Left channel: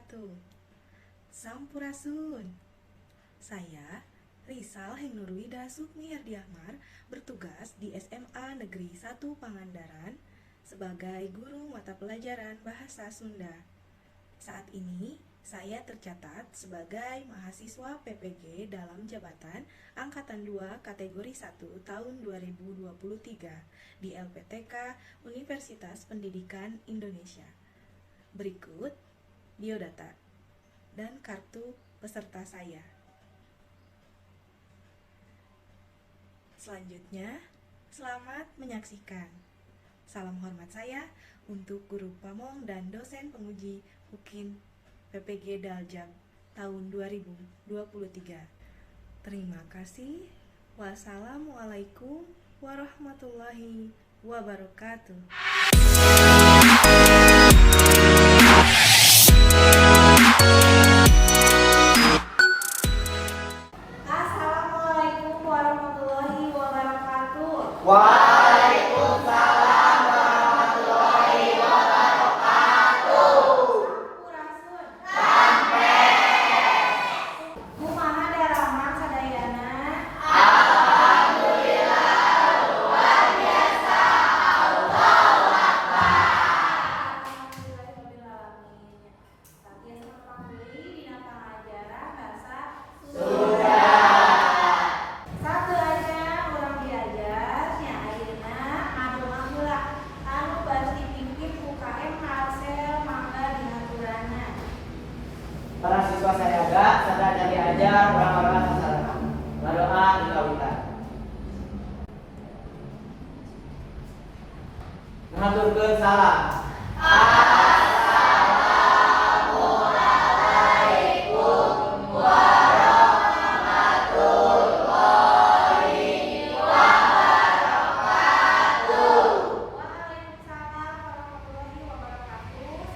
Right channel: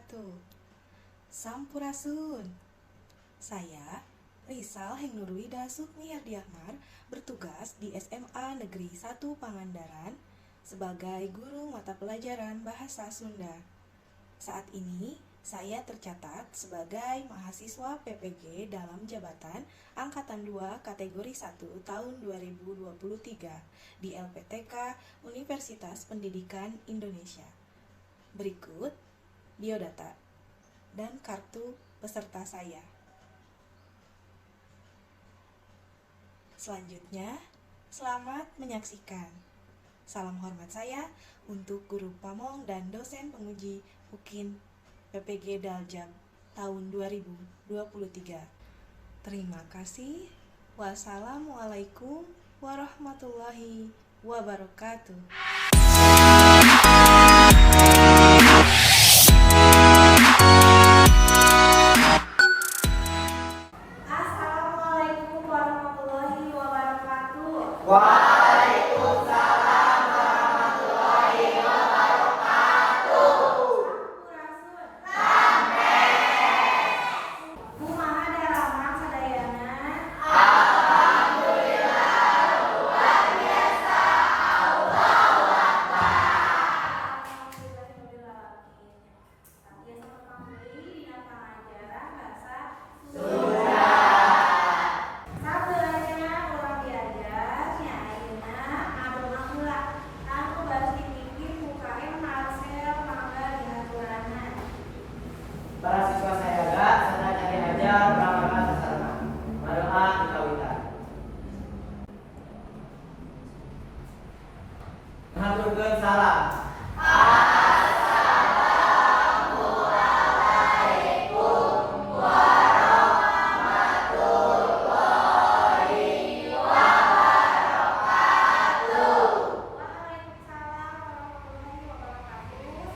wabarakatuh. Sampurasun. Saya Rizal Hengnurwida Sukmi Yardiahmar bertugas di SMA Negeri 1 Pangandaran sebagai guru mata pelajaran Bahasa Sunda. Saat ini saya tercatat sebagai mahasiswa PPG dalam jabatan Angkatan 2 kategori 1 tahun 2023 di LPTK Universitas Pendidikan Indonesia. Berikut biodata dan kartu peserta saya. Selanjutnya, selamat menyaksikan. Salam hormat saya untuk Guru Pamong dan dosen penguji UKIN PPG Daljab tahun 2023. Terima kasih. Wassalamualaikum warahmatullahi wabarakatuh. Assalamualaikum warahmatullahi wabarakatuh. Waalaikumsalam warahmatullahi wabarakatuh. Sampurasun. Kumaha dalaman sadayana? Alhamdulillah luar biasa. Allahu Akbar. Sabeanya urang diajar nya ayeuna adu heula anu baris dipimpin UKM Harsel mangga diaturanna. Para siswa saya jaga, sadarnya diajar, orang-orang sasana. Ladoa dikawitan. Mengaturkeun salam. Waalaikumsalam warahmatullahi wabarakatuh.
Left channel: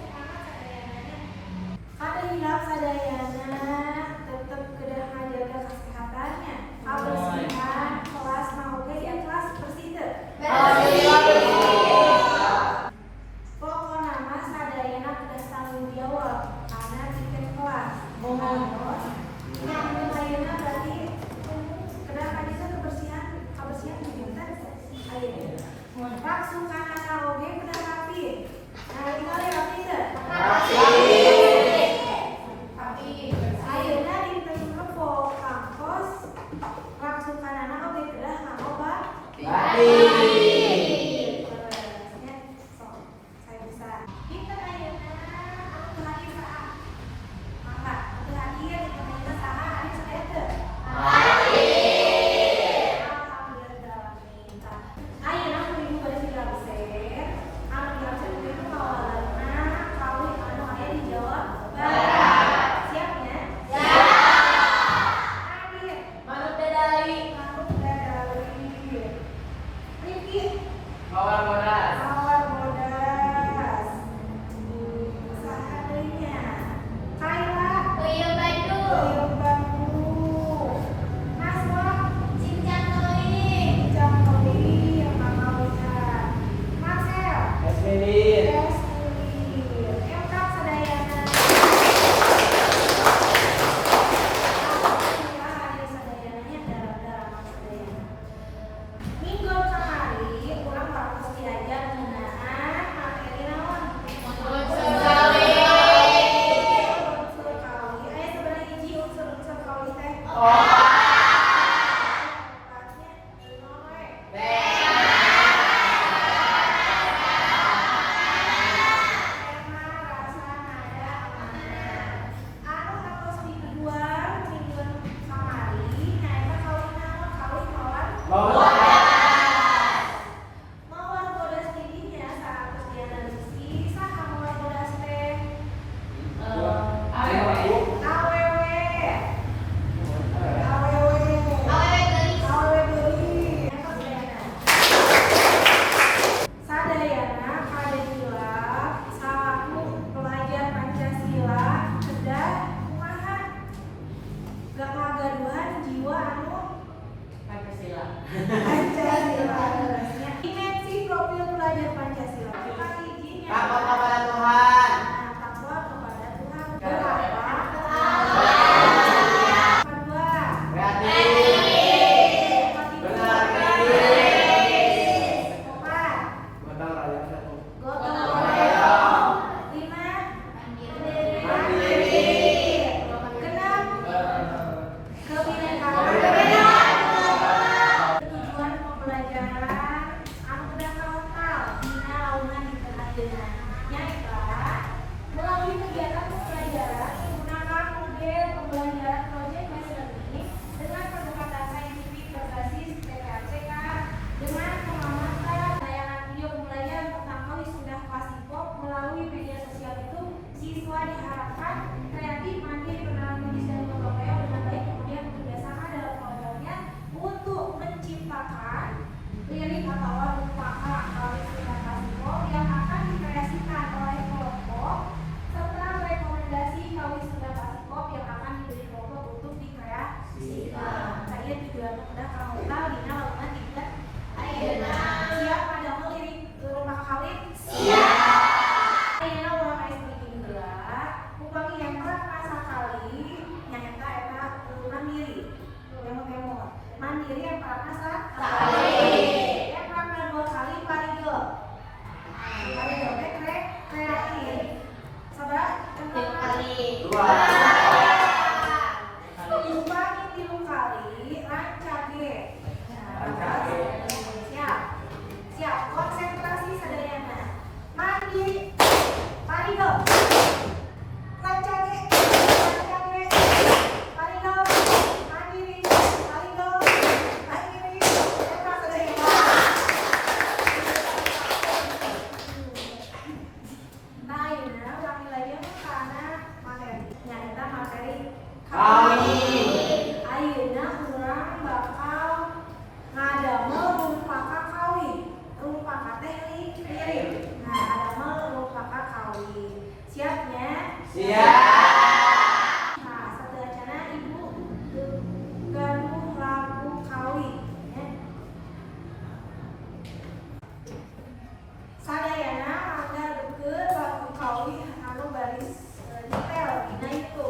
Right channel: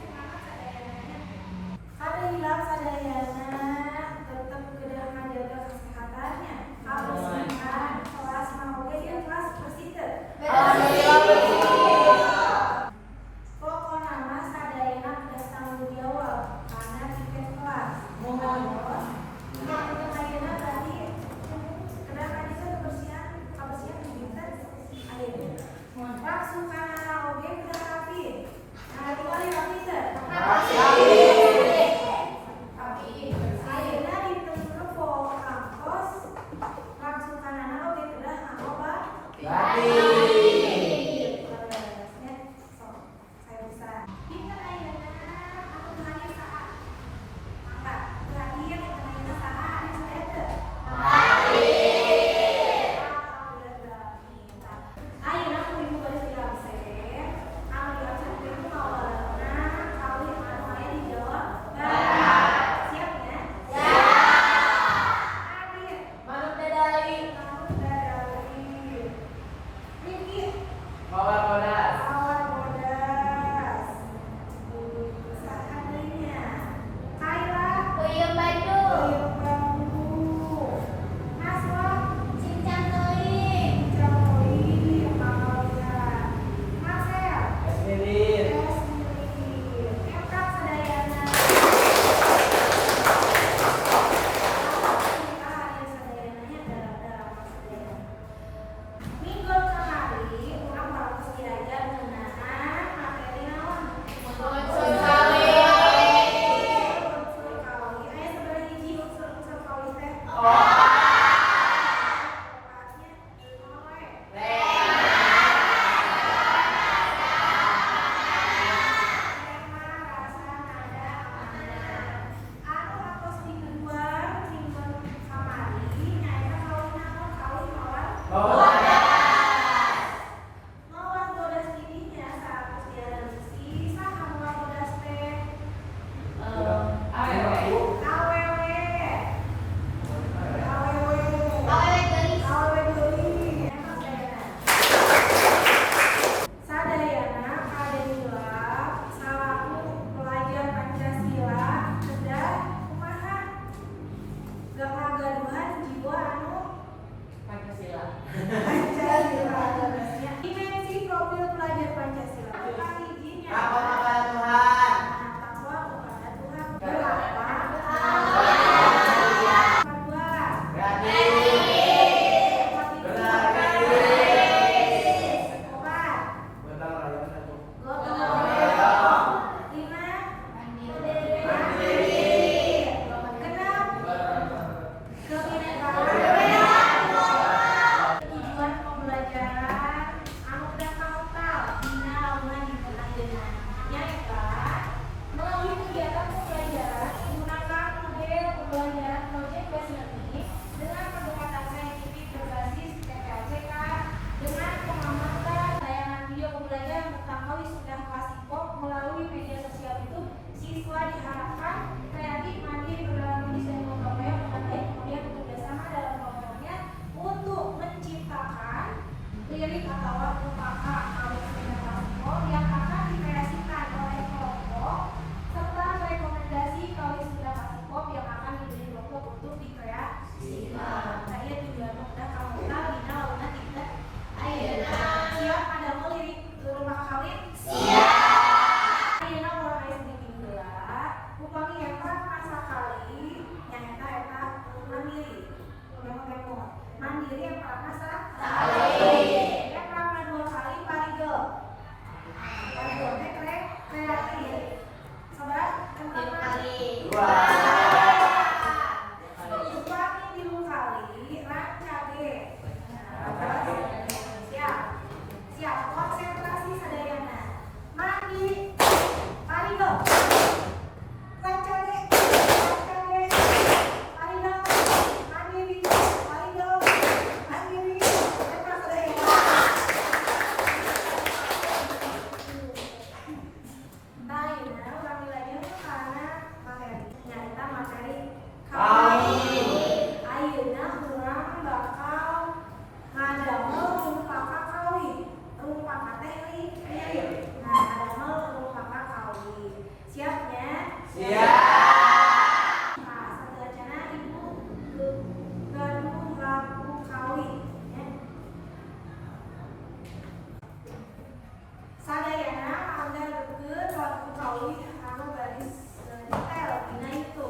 Semangat sadayana. Kadahilap sadayana tetep kedah ngajaga kesehatannya. Kebersihan kelas mah oge ya kelas bersih teu? udah pramuka dina wangunna tiga ayeuna siap ada lirik rumah kawin siap ayeuna urang aya bikin heula upami eta pasakali nyaeta eta mandiri kemot mandiri yang parana sakali eta dua kali parigel parigel teh kreatif sabar kali dua upami 3 kali rancage siap siap konsentrasi sadayana mandi parigel rancage parigel mandiri parigel mandiri eta sadayana ayeuna urang nilaian kana materi nyaeta materi ayeuna urang bakal ngadamel rumpaka kawin rumpaka teh lirik nah ngadamel rumpaka kawin siapnya siap nah sateujana ibu gadung lagu kawin ya sadayana mangga deukeut lagu kawin anu baris detail dina itu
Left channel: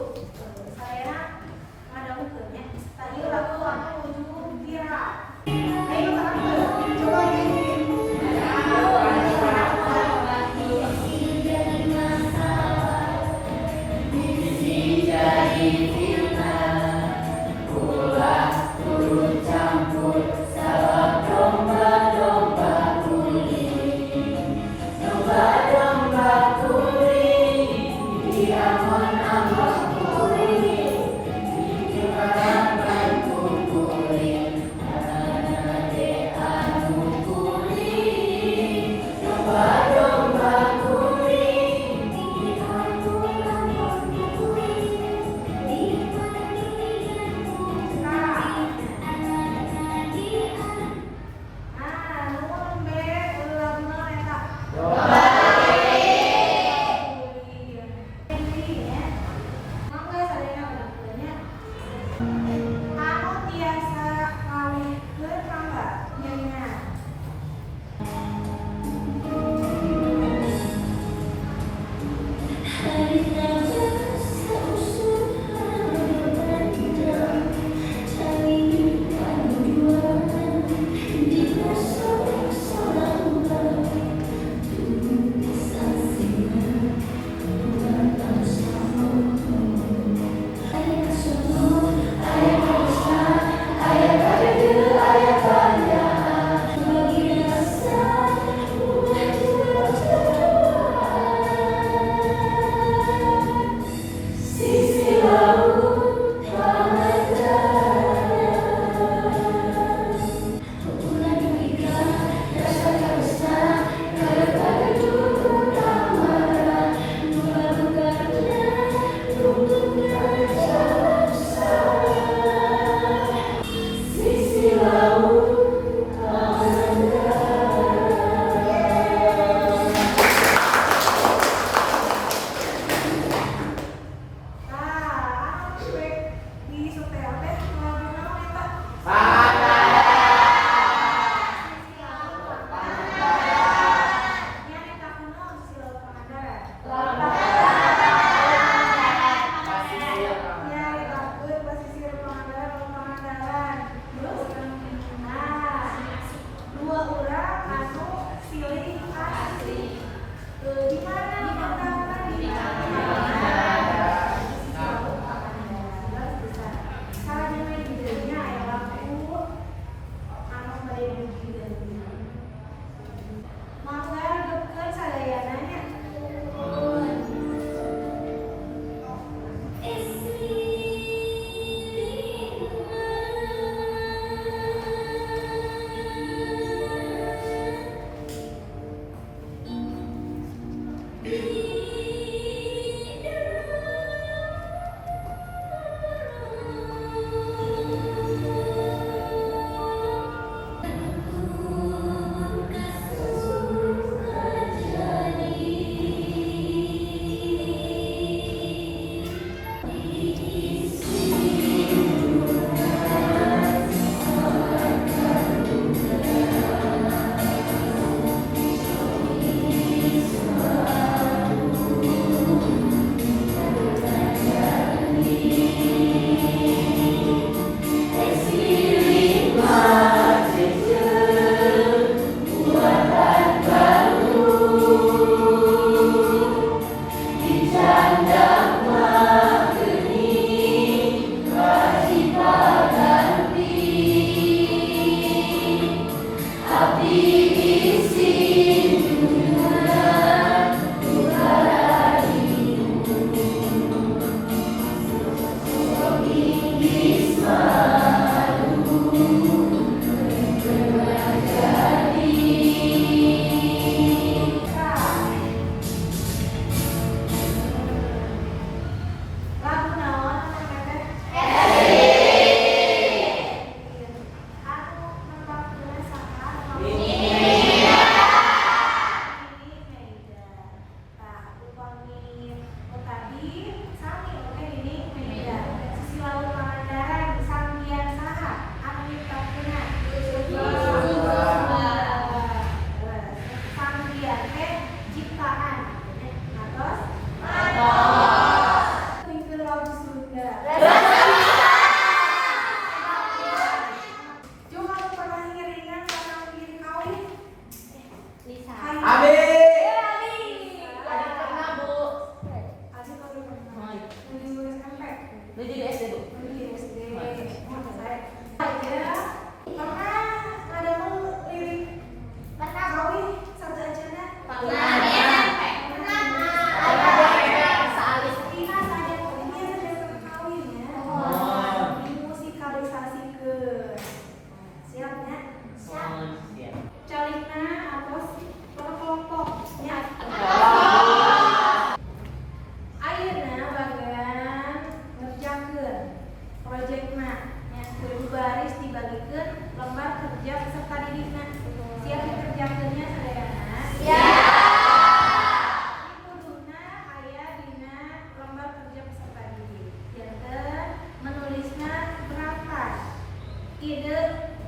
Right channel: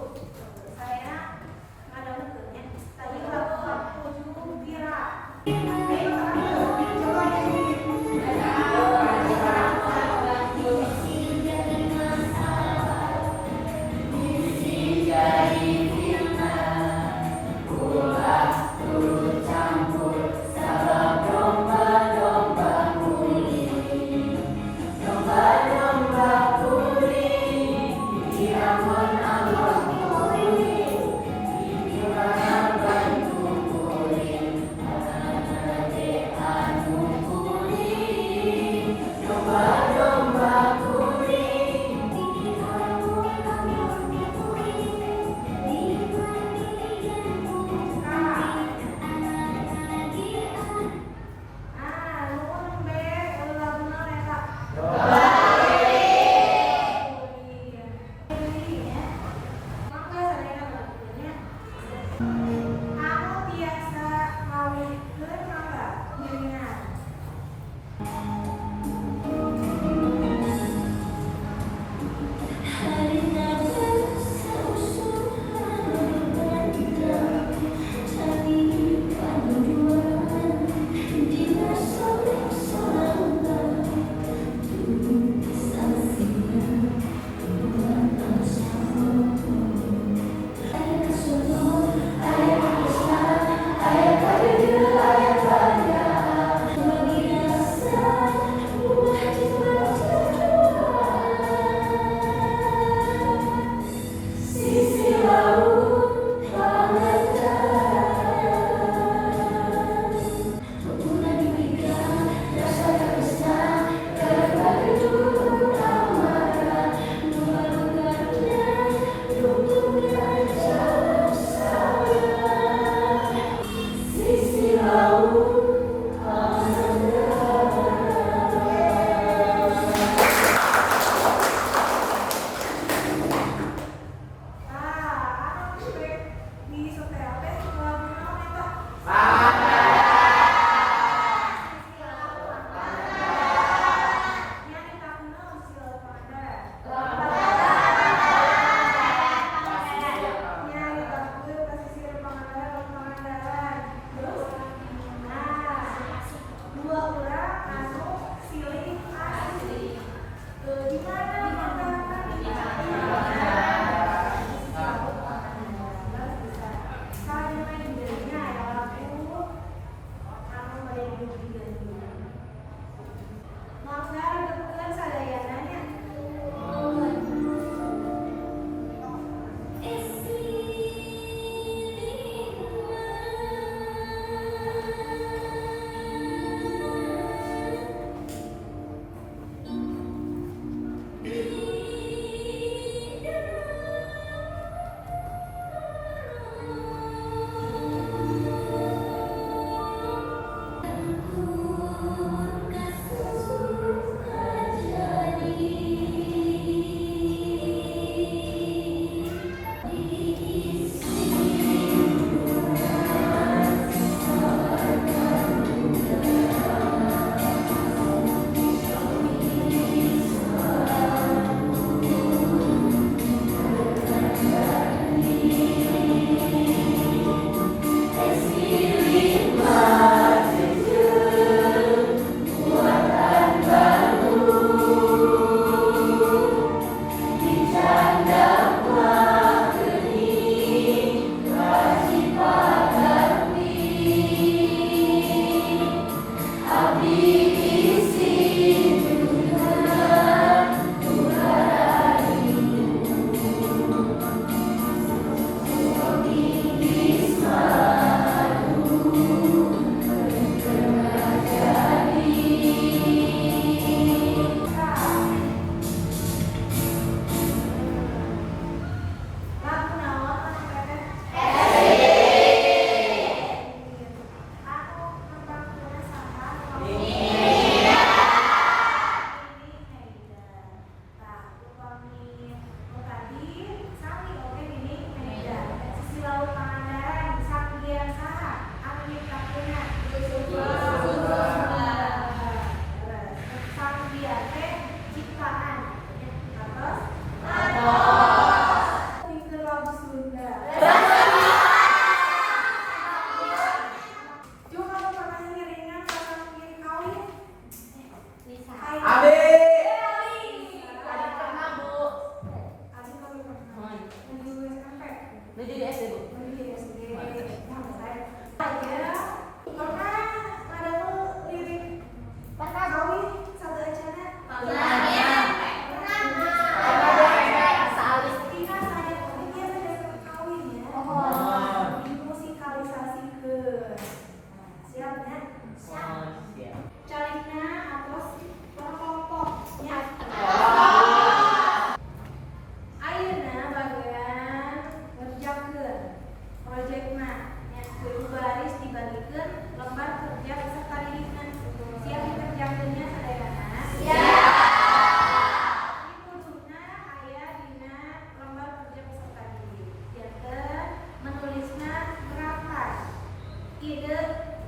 sadayana ngadamkeun ya tadi lagu ujung viral ayo terakhir coba nyanyi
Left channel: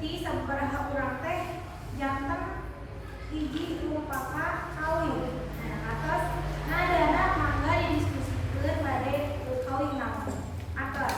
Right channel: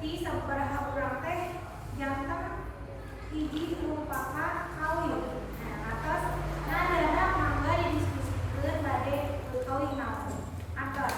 bukti sabaraha urang teh janten hiji merupakan kawin. Nah, atas nadana mangga didiskusikeun bade kawin naon. Atas.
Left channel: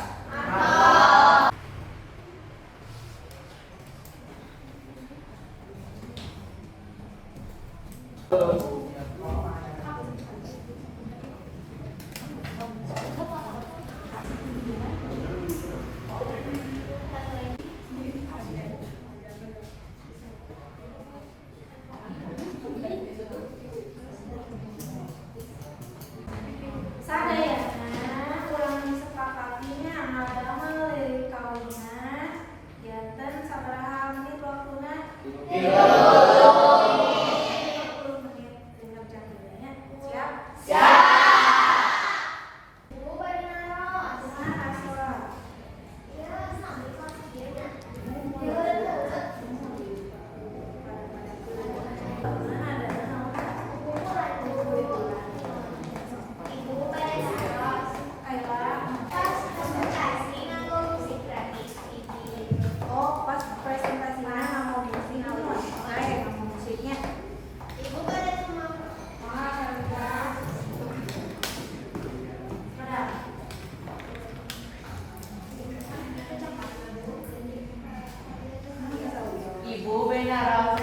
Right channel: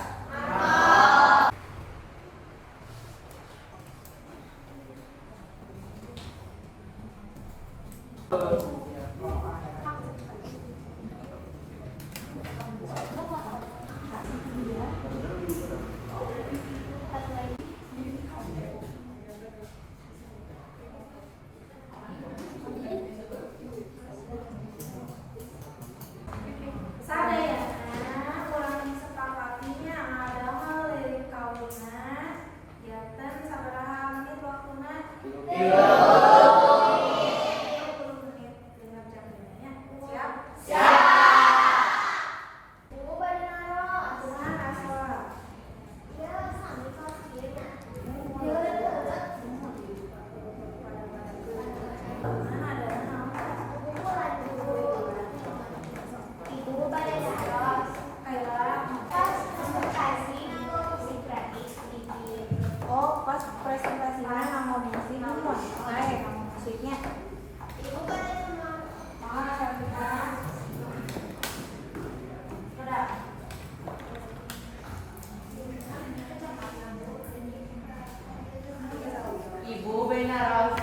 Sadayana ulang disepakatinya adalah lirik kawinan janten sabaraha menit waktuna? 30 menit dengan jam bedanya. Siap? Bu bari naros. Kumaha asal? Ieu sami kelas ieu nya. Mana ada naon? Kumpulan Bu. Ibu bari naros. Kaila. Pas presentasi nganggo musik gratis hiji. Oh, pas presentasinya ngomong musik naon? Oke, ngomong musiknya. Ibu bari naros. Maha Syarika. Pada. Ibu benar.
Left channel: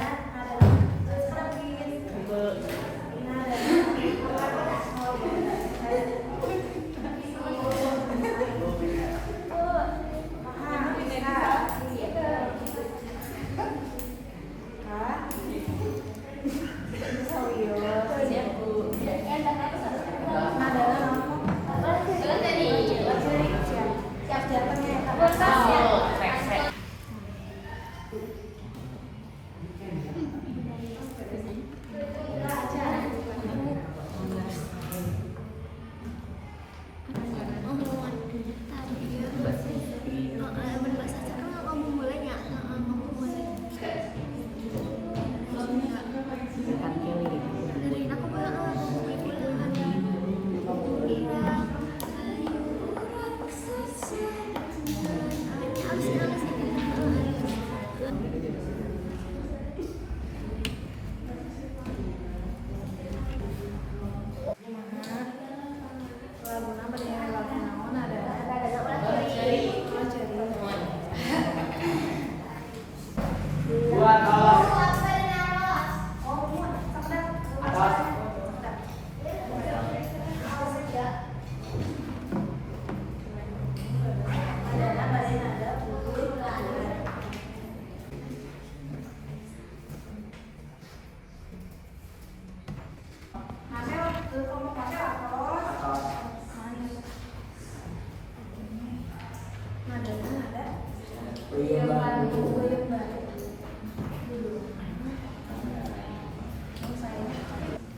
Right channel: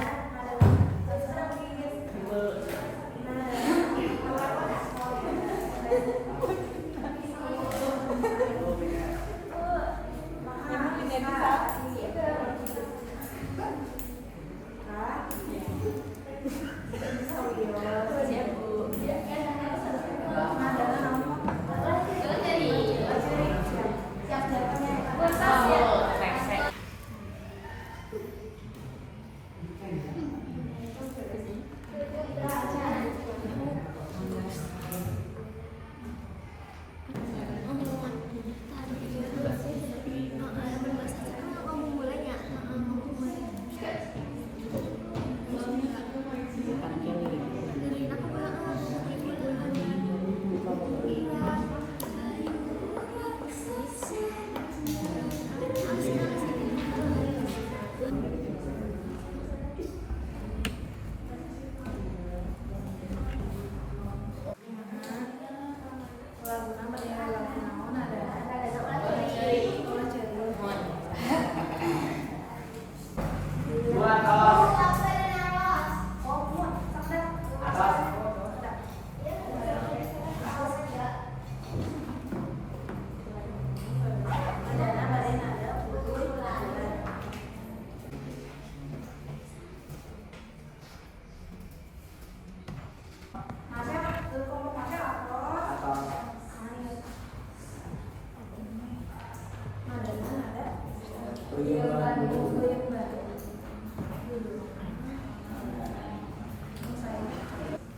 Laguna berdiri lagu naon ada Ulah ceri. ulah ceri. Dua tos. Bu bari naros. Oh, mun sakda. Atas. Sakda. Adana bade nada putih. Masih kamu pakai apa? Atas. Nadanya nada. Puyem Bandung. Puyem Bandung.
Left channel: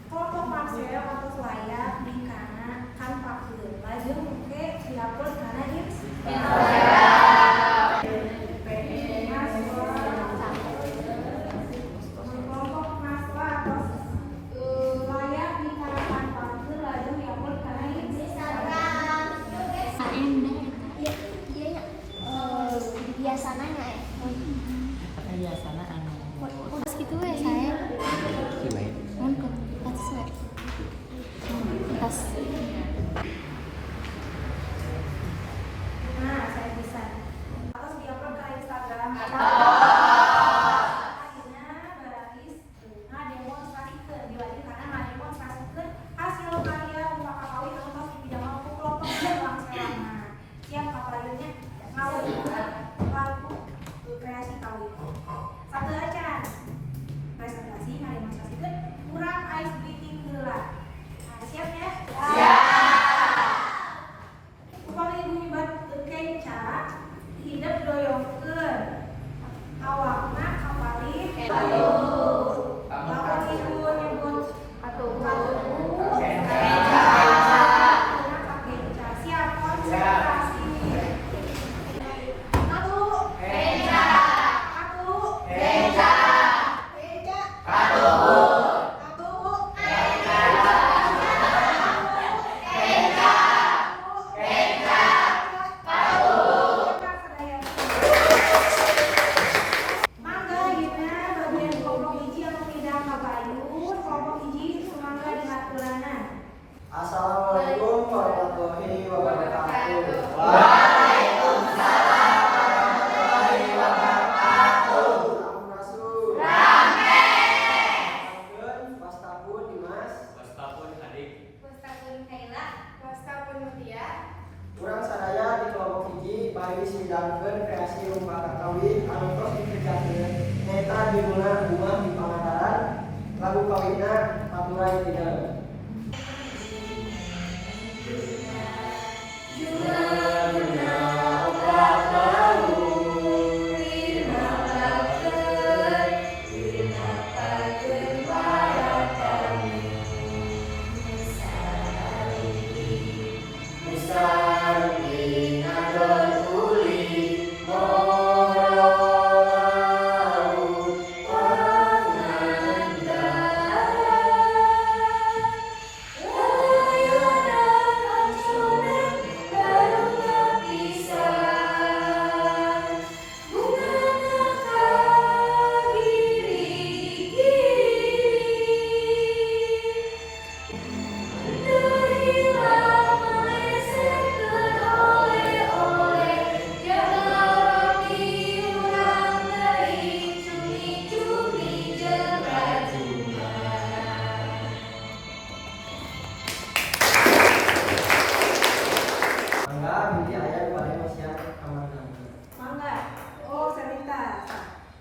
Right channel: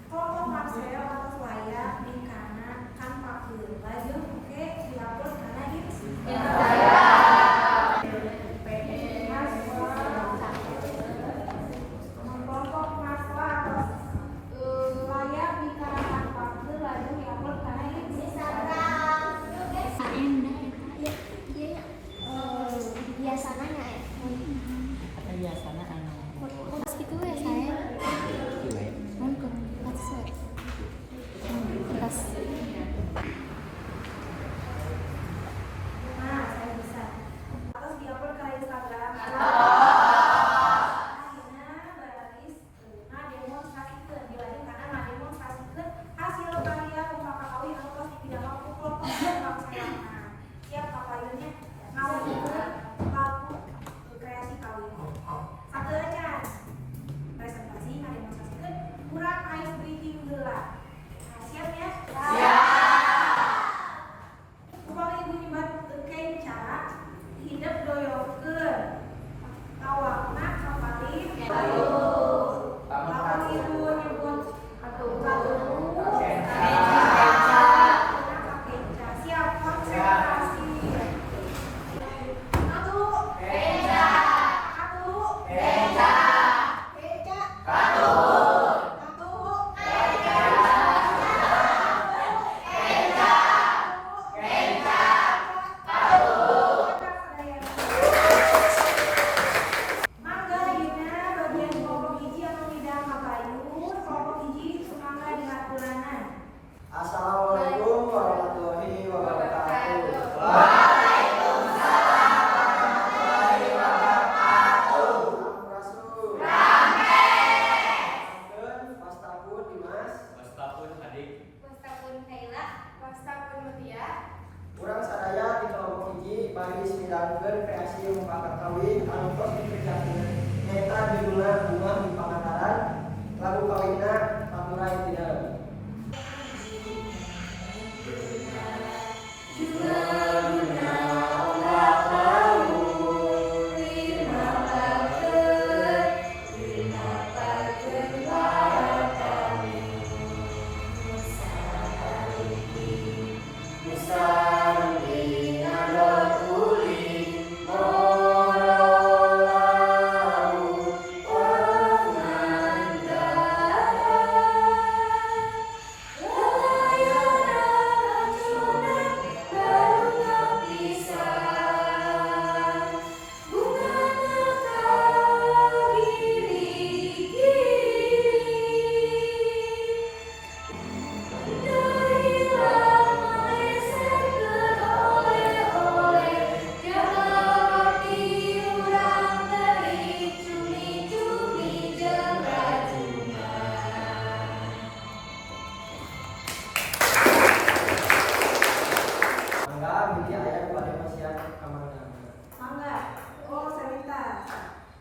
Kelompok Marcel atau layak di kana kan pakeun. Lajeng oke diupload kana hits. Kelompok Marcel atau layak di kana kan pakeun. Lajeng diupload kana hits. Instagram. Endah eta. Iya, iya ya. Biasana nya Kata biasana anu. Kudas gitu we saya. Kiwet. Mun ke atas we. Atas. Nah, saya bisa. Terus diupload ke Instagram. Akhirnya baralis ngademonstrasikeun dibanding kana ngademonstrasikeun hasil karya umpama kawin atau tidak mampu kelompok dalam selama. Siap papayunnya kawin lagu kreasi kawin. Satu aja. Presentasi ngademonstrasikeun kurang ice breathing heula. Nah, siap ya? Upami ibu nyebat kenca, hidup doyongkeun. Awakna kapalih. Lamun ibu nyebut katubu. Kenca. Siap konsentrasi. Katu. Kenca. Katu. Kenca. anu tos dikerjakeun nyaeta judulna Bunga di Pangandaran, lagu kawinna Paturai Tidak.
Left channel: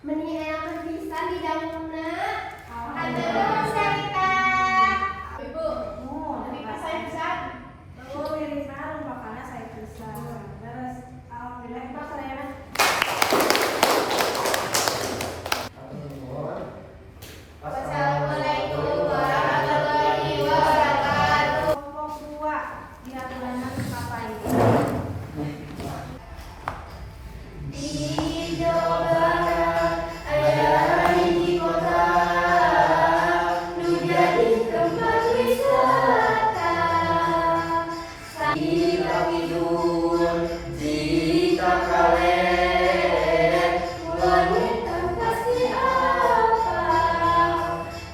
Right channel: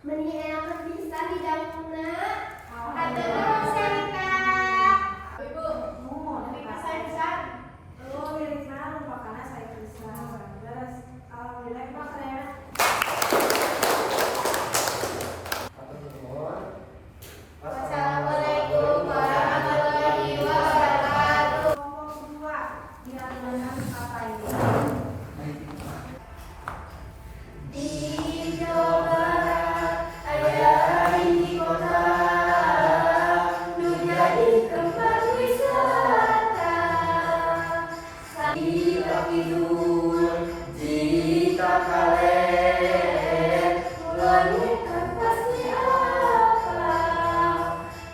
Meni enak bisa di dapurna. Ayo Sarita. Ibu, lebih pas saya bisa. Aku dari mana makanya saya bisa. Terus alhamdulillah Pak saya. Assalamualaikum warahmatullahi wabarakatuh. Kelompok 2 di atas kata ini. Di Jawa Barat ada hiji kota nu jadi tempat wisata. Kita tidur jika kalian wanita pasti apa?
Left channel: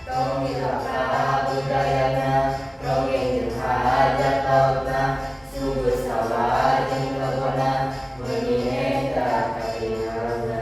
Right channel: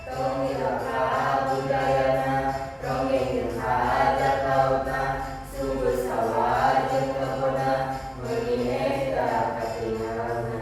Tong hilangka budayana, dongeng jeung hajat lautna, subur sawah jeung kebona, meuni eta katingalna.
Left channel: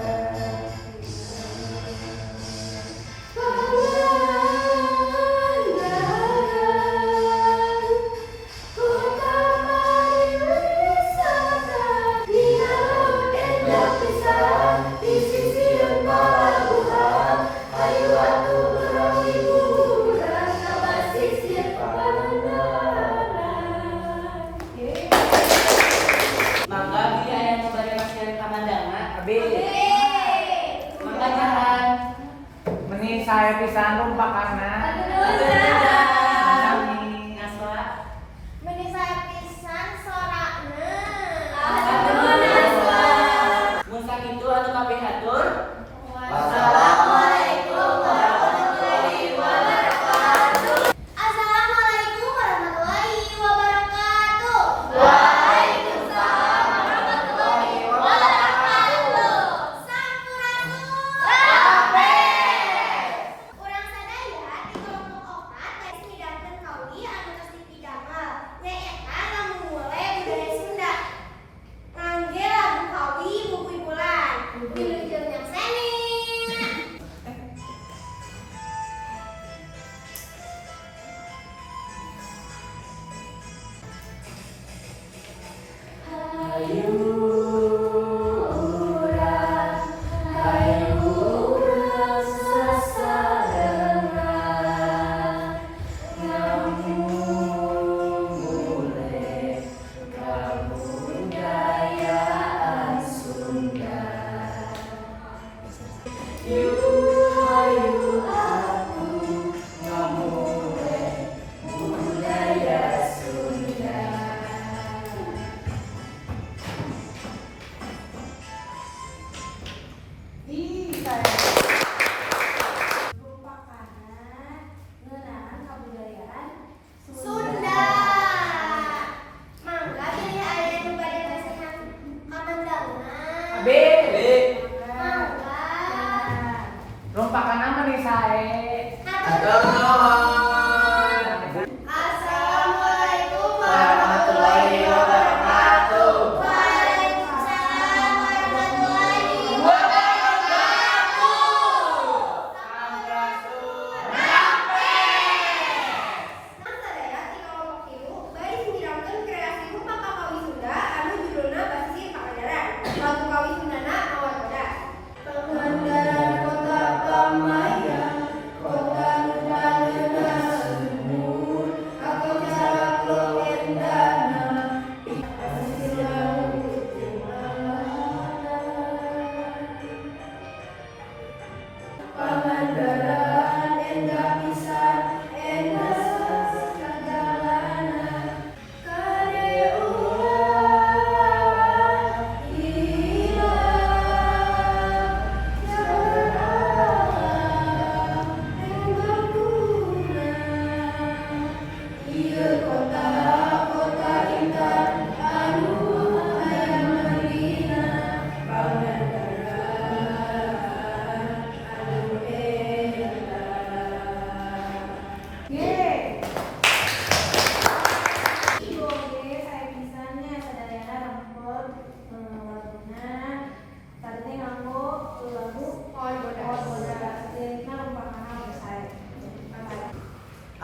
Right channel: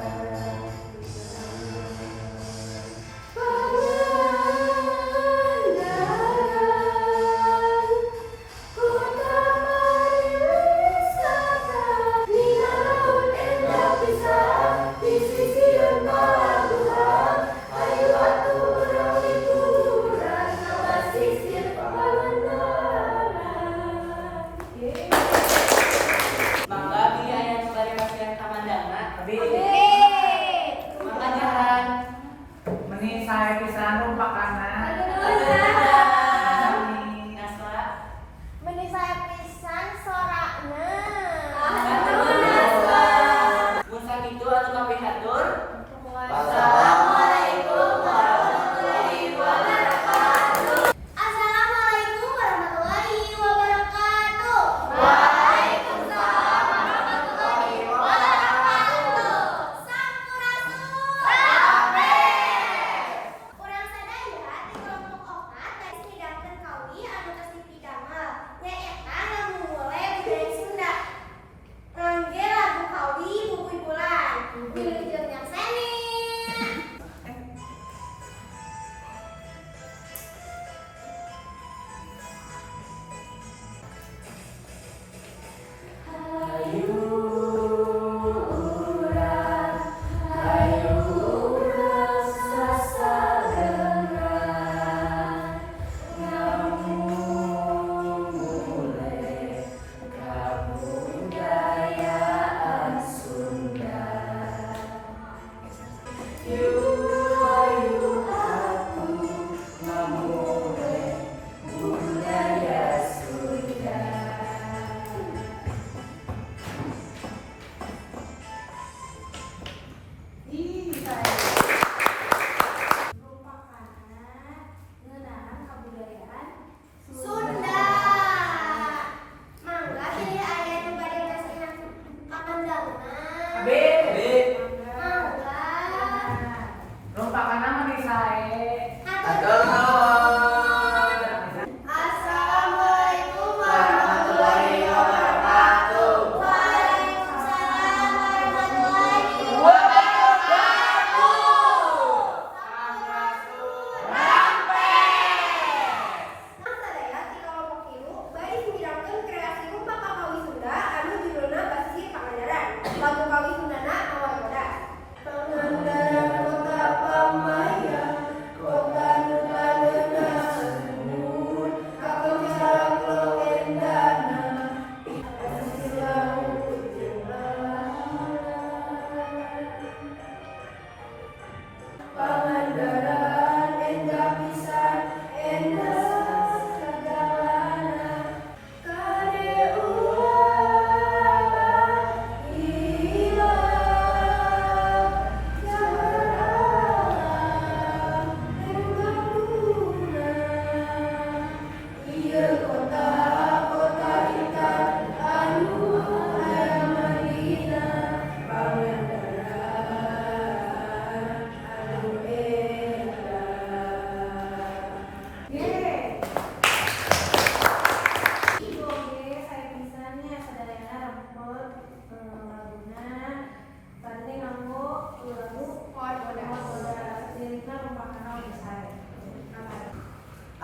Mangga beli ayam sebagai kasihan kamandangna. Mangga jalan. Meni saya pisan rumpakanna. Ngasla. Meni saya pisan sorakna. Mun sakitu anu kapihatur. Wassalamualaikum warahmatullahi wabarakatuh. Assalamualaikum warahmatullahi wabarakatuh. Waalaikumsalam warahmatullahi wabarakatuh. Sampurasun. Urang sadaya di kelompok 4 tes midangkeun kawi anu geus dipidamel. Nyaeta ngamumule budaya Sunda. Ngangge lagu kawi Bubuy Bulan. Wilujeng yang seni. Sunda. Mangga pilih aya nu bade kasihan kamandangna. Mangga. Rumpakanna meni sae. Hatur nuhun. Assalamualaikum warahmatullahi wabarakatuh. Waalaikumsalam warahmatullahi wabarakatuh. Sadaya ti kelompok 3 bari midangkeun kreasi rupa kawi Sunda anu judulna Basisir Pangandaran. Lagu kawi Sundana Mawar Bodas.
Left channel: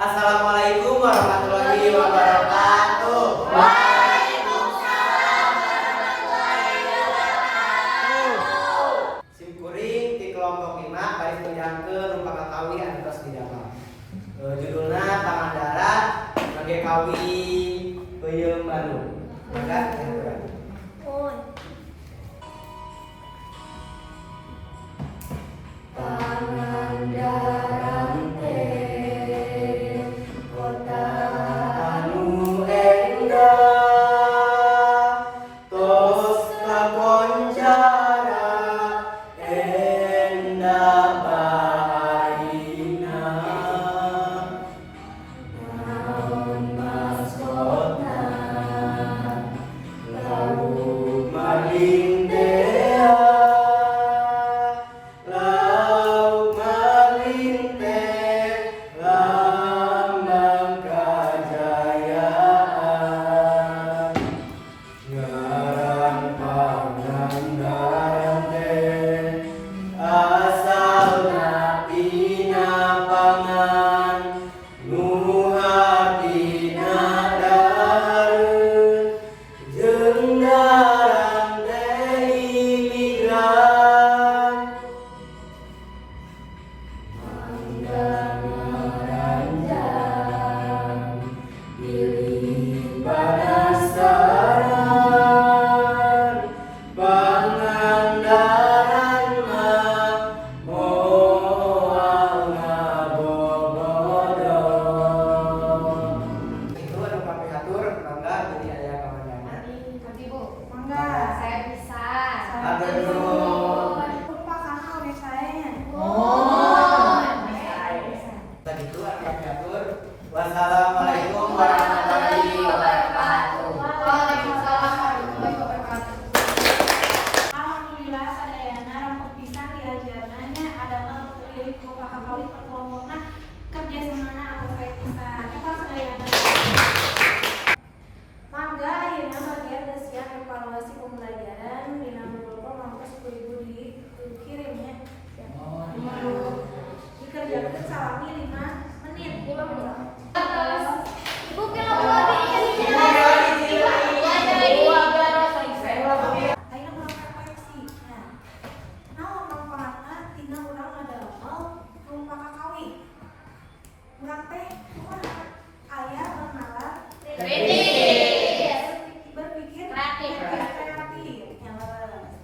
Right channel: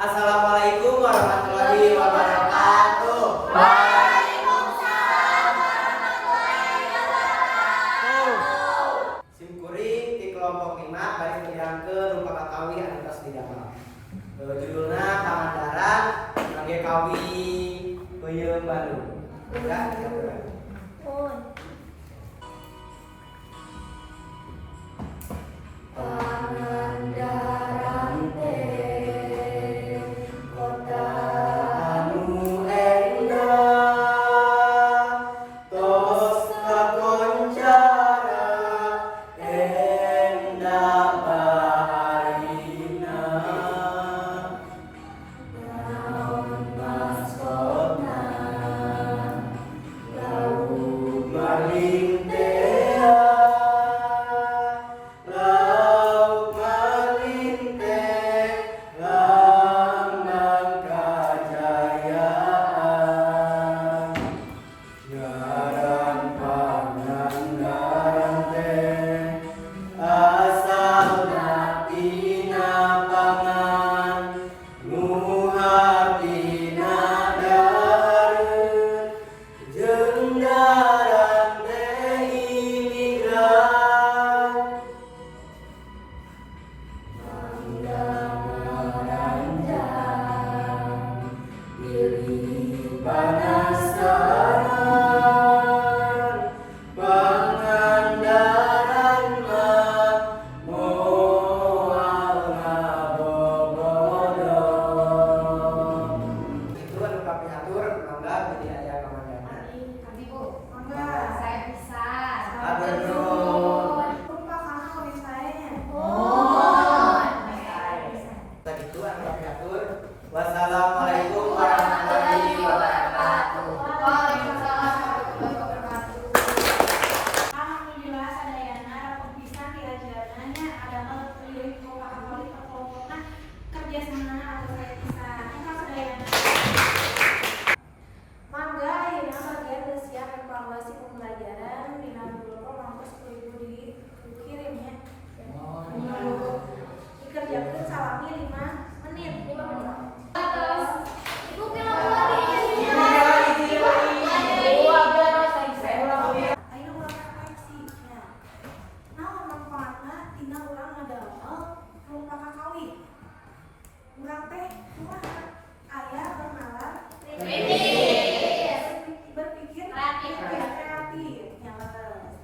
Assalamualaikum warahmatullahi wabarakatuh. Simkuring di kelompok 5 baris beriangkeun rupa kakawi anu tos didamel. Judulna Pangandaran Rangge Kawi Peuyeum Bandung. Enggak, ya. Pangandaran teh kota Anu endah tos kakoncara endah baharina naon maksudna lauk maling teh lauk maling teh lambang kajayaan ngaran Pangandaran teh asalna tina pangan nu hartina dahareun jeung daran teh imigran Pangandaran pilih penasaran Pangandaran mah moal ngabobodor. Itu anu kapihatur mangga jadi aya kamandana. Abi Bu, mangga saya bisa. Atur nuhun. Lupa kakak udah saya. Tadi itu anu kapihatur. Wassalamualaikum warahmatullahi wabarakatuh. Waalaikumsalam warahmatullahi wabarakatuh. Alhamdulillah sadayana rampung pisan diajarnanya adalah pilih kakak kali perkelompokna kerja samana atau kayak pisan. Kita sadayana. Mangga ayeuna bagian geus siap evaluasi pembelajaran dina Google Form mangkos ku ibu dikirimnya. Dikerjakeun salami 5 menit. Ibu film lagi. Ayo urang koleksi. Naon manfaatna tina urang ngadamel rupa kakawi. Urang teh kumaha? Aya bernalar berpikir kreatif. Nyaleun.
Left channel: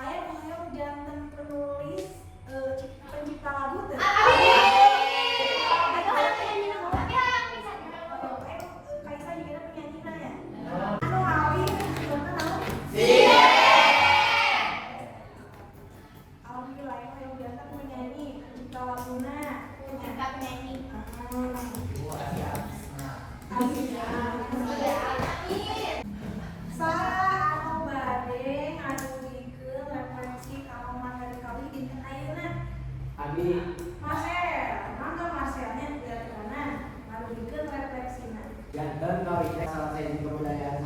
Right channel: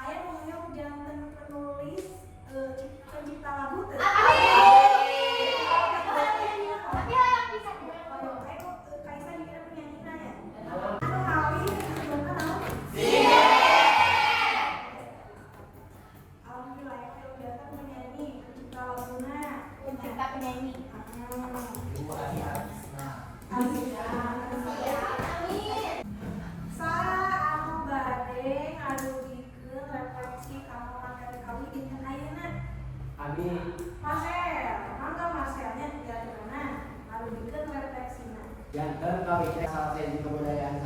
Aya pangayom janten penulis pencipta lagu teh. Kaisa juga penyanyi nanya. Anu ngawi janten naon? Alhamdulillah ya kalau jantan penyanyi pencipta laguna pencipta penyanyi salah anu bade ngadugikeun refleksi kamu materi kali dinten ayeuna Amin. Masel mangga maselnya diaturna ngadugikeun refleksina Janten kawin salah satu kebudayaan